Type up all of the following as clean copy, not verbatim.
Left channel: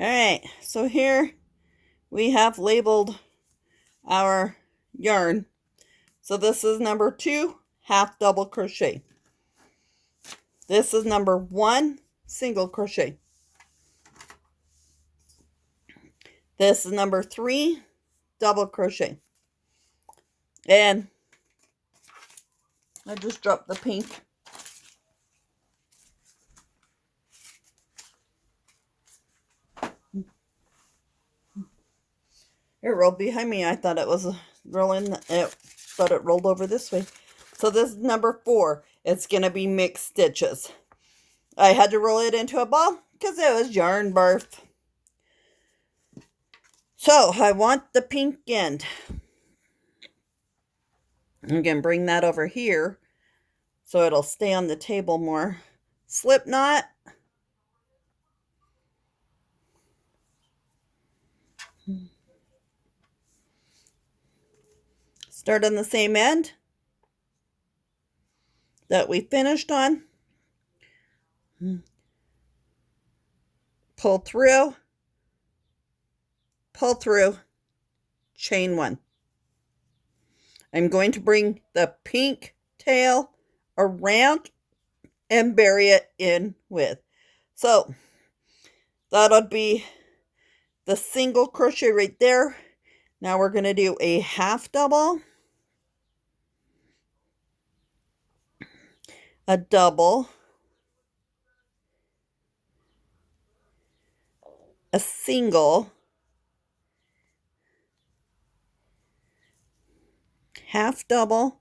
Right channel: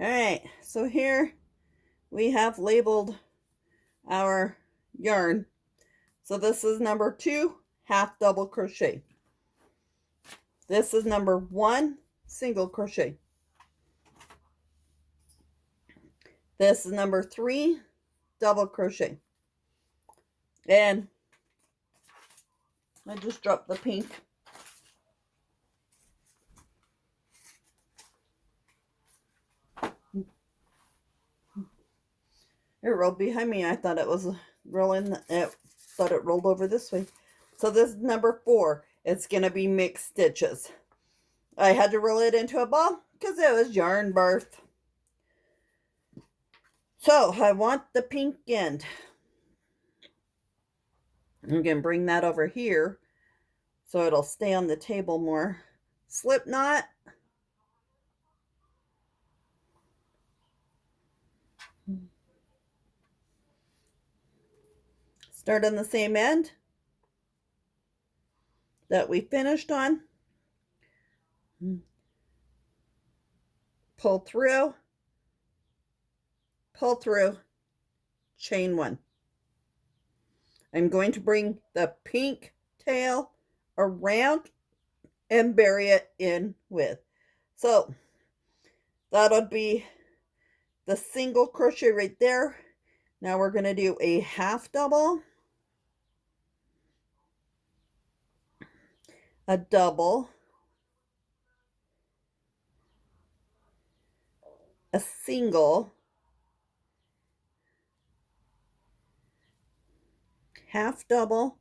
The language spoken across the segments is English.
All right, so here we have labeled our yarn. So this is number 2 half double crochet. This is number 1 single crochet. This is number 3 double crochet. And I just dropped the pink. It rolled behind me. I thought it was rolling, but it rolled over this way. So this is number 4. It's going to be mixed stitches. I had to roll it into a ball because it was yarn birth. So I want the pink end. I'm going to bring that over here so it'll stay on the table more. Slip knot. Start on the same end that we finished on. Pull through, chain 1. I'm going to bring the pink tail around and bury it in with. So that would be the single crochet right there. Now we're going to do a half double, a double, a single, half double,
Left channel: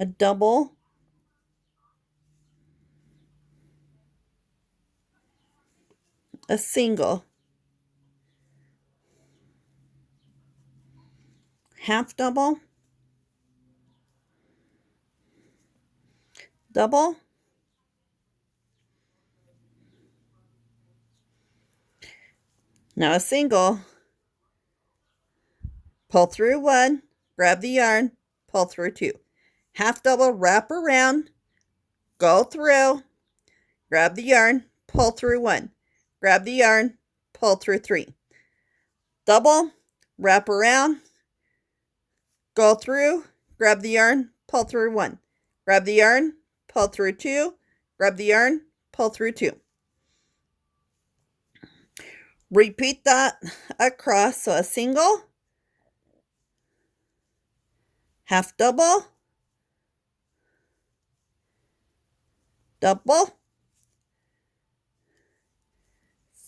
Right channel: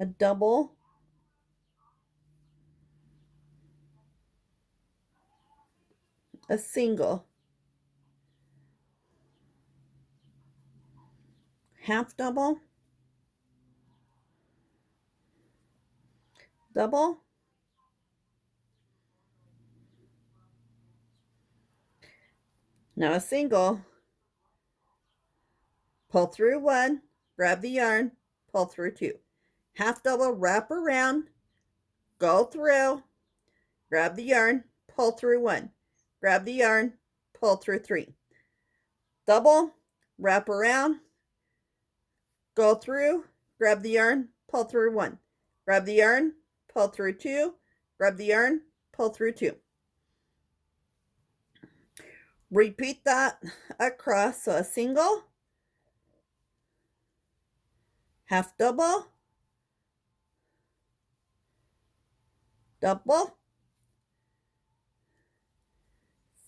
a double, a single, half double, double, now a single, pull through 1, grab the yarn, pull through 2, half double, wrap around, go through, grab the yarn, pull through 1, grab the yarn, pull through 3, double, wrap around, go through, grab the yarn, pull through 1, grab the yarn, pull through 2, grab the yarn, pull through 2. Repeat that across, so a single, half double, double,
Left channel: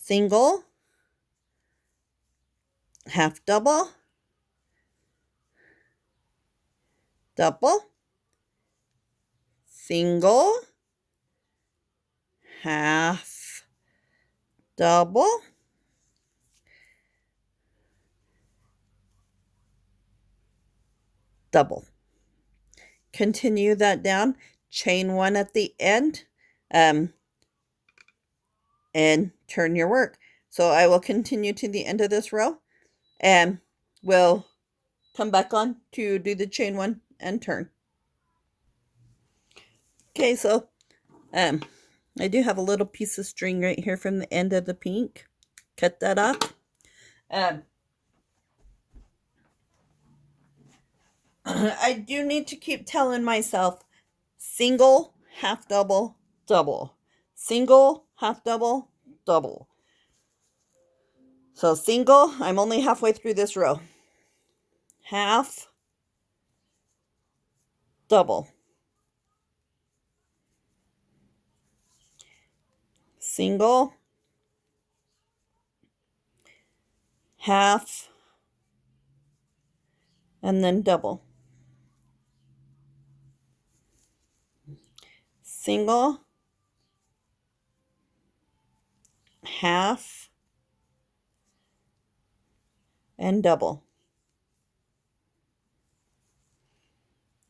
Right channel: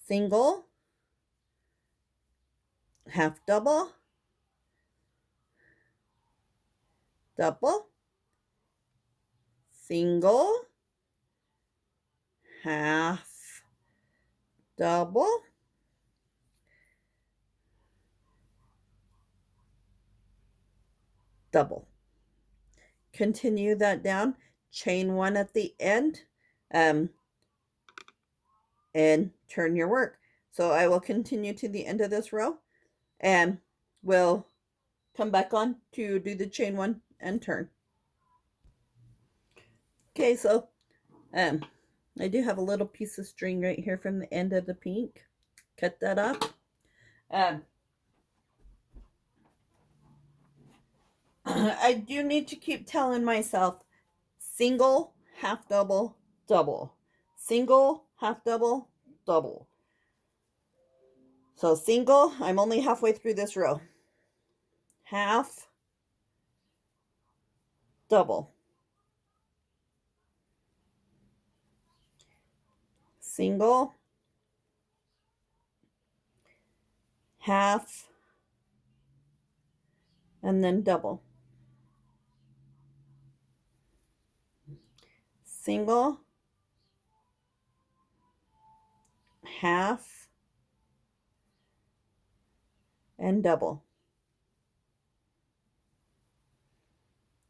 single, half double, double, single, half double, double. Continue that down, chain 1 at the end, and turn your work. So I will continue to the end of this row, and we'll come back on to do the chain 1 and turn. Okay, so I do have a little piece of string right here from the end of the pink. Cut that off. I do need to keep telling myself single, half double, double. Single, half double, double. So single, I'm only halfway through this row. Half, double. Single, half, and then double. Single, half, and double.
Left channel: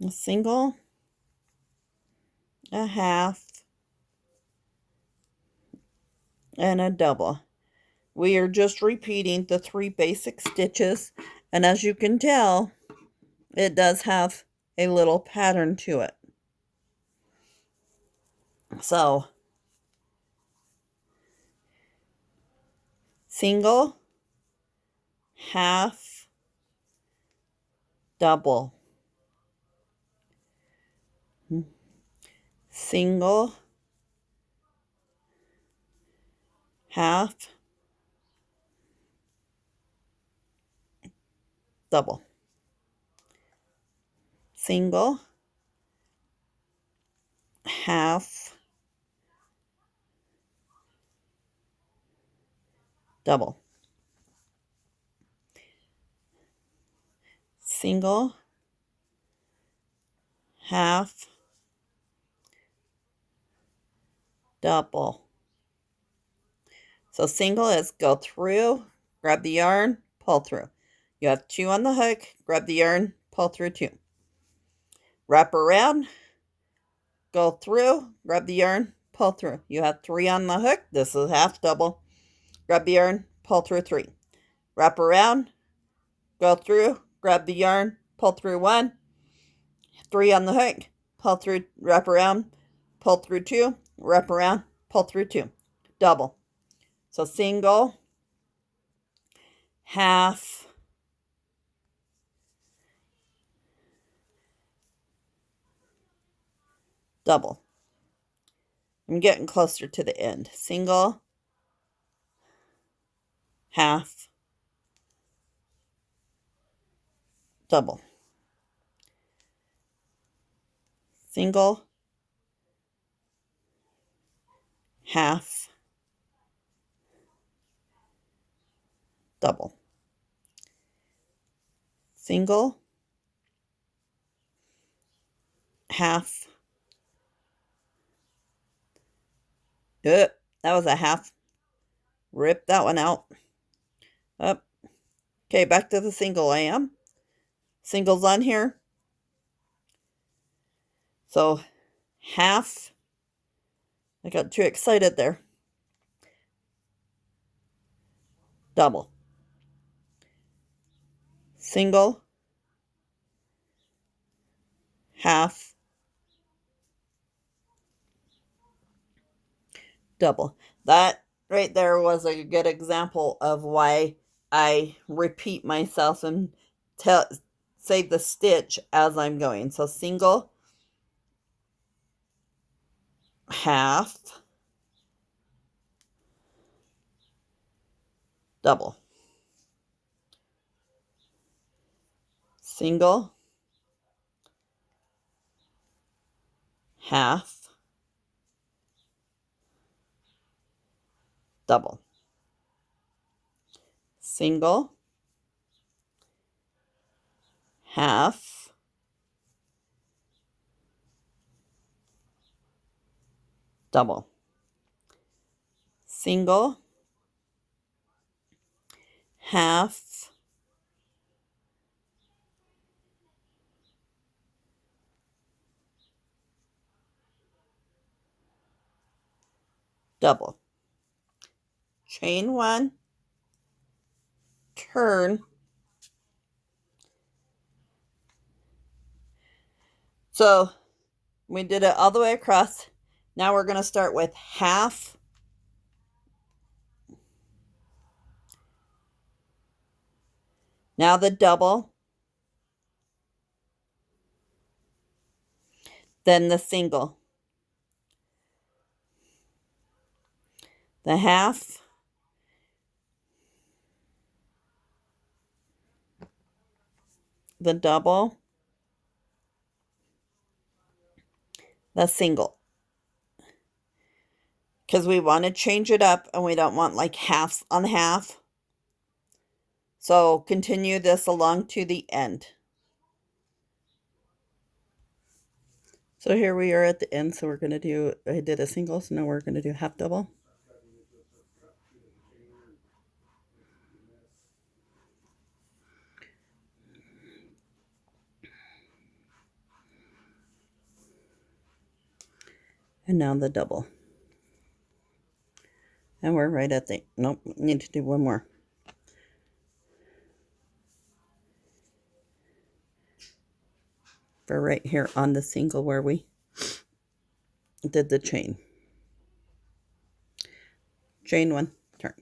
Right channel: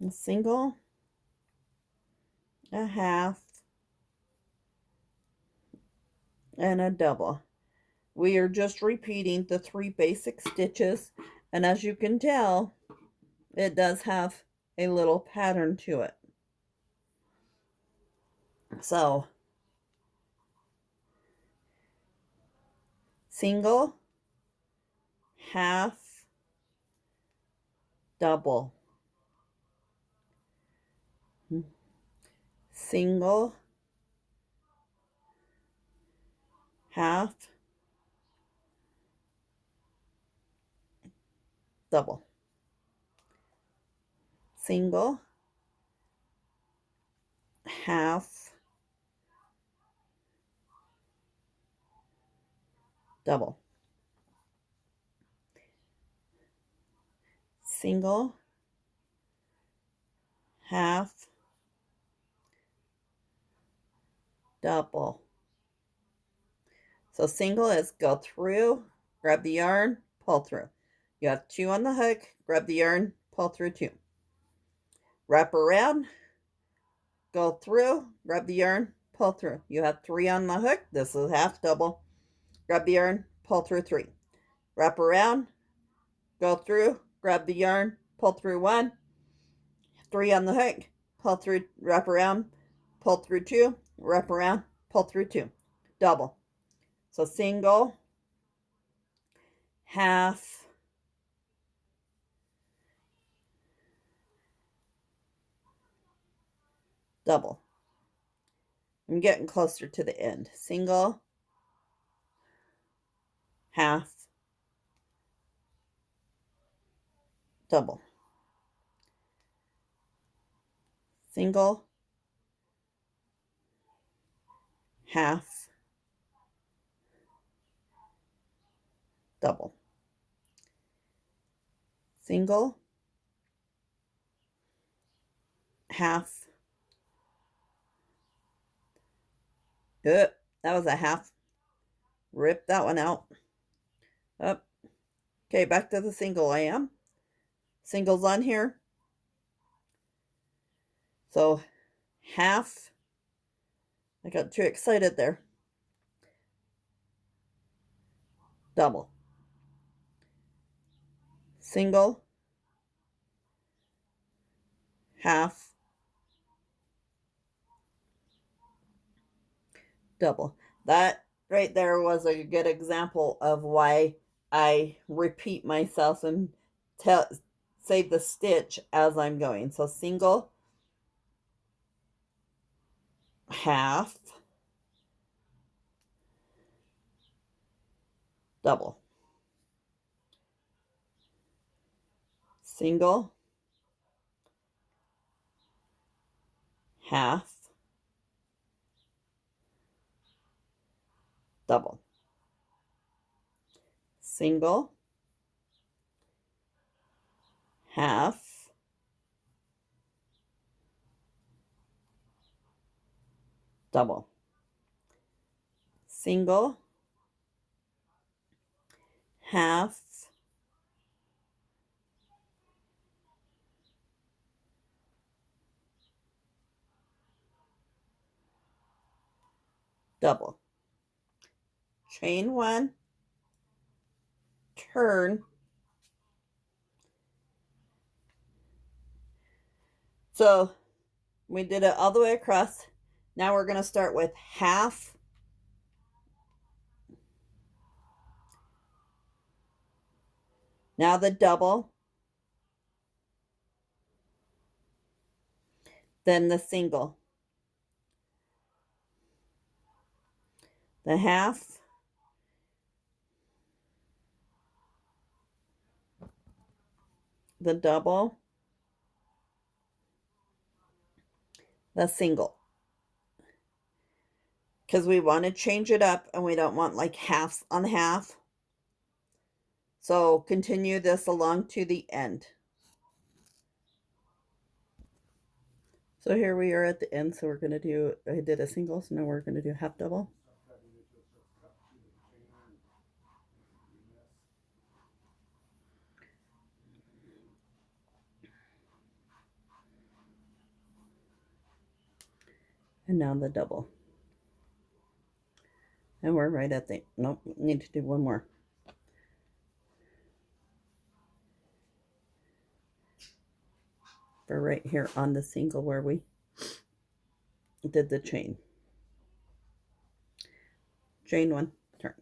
A single, a half, and a double. We are just repeating the 3 basic stitches, and as you can tell, it does have a little pattern to it. So single, half, double, single, half, double, single, half, double, single, half, double. So single is go through, grab the yarn, pull through. You have 2 on the hook, grab the yarn, pull through 2. Wrap around, go through, grab the yarn, pull through. You have 3 on the hook. This is half double. Grab the yarn, pull through 3. Wrap around, go through, grab the yarn, pull through 1. 3 on the hook, pull through, wrap around, pull through 2, wrap around, pull through 2. Double. So single, half, double. I'm getting closer to the end. Single, half, double. Single, half, double. Single, half. That was a half. Rip that one out. Up. Okay, back to the single I am. Singles on here. So half. I got too excited there. Double. Single, half, double. That right there was a good example of why I repeat myself and say the stitch as I'm going. So single, half, double. Single, half, double. Single, half, double. Single, half, double. Chain 1, turn. So we did it all the way across. Now we're going to start with half, now the double, then the single, the half, the double, the single. Because we want to change it up and we don't want like halves on half. So continue this along to the end. So here we are at the end. So we're going to do, I did a single, so now we're going to do half double. And now the double. And we're right at the, nope, need to do one more. For right here on the single where we did the chain. Chain 1, turn.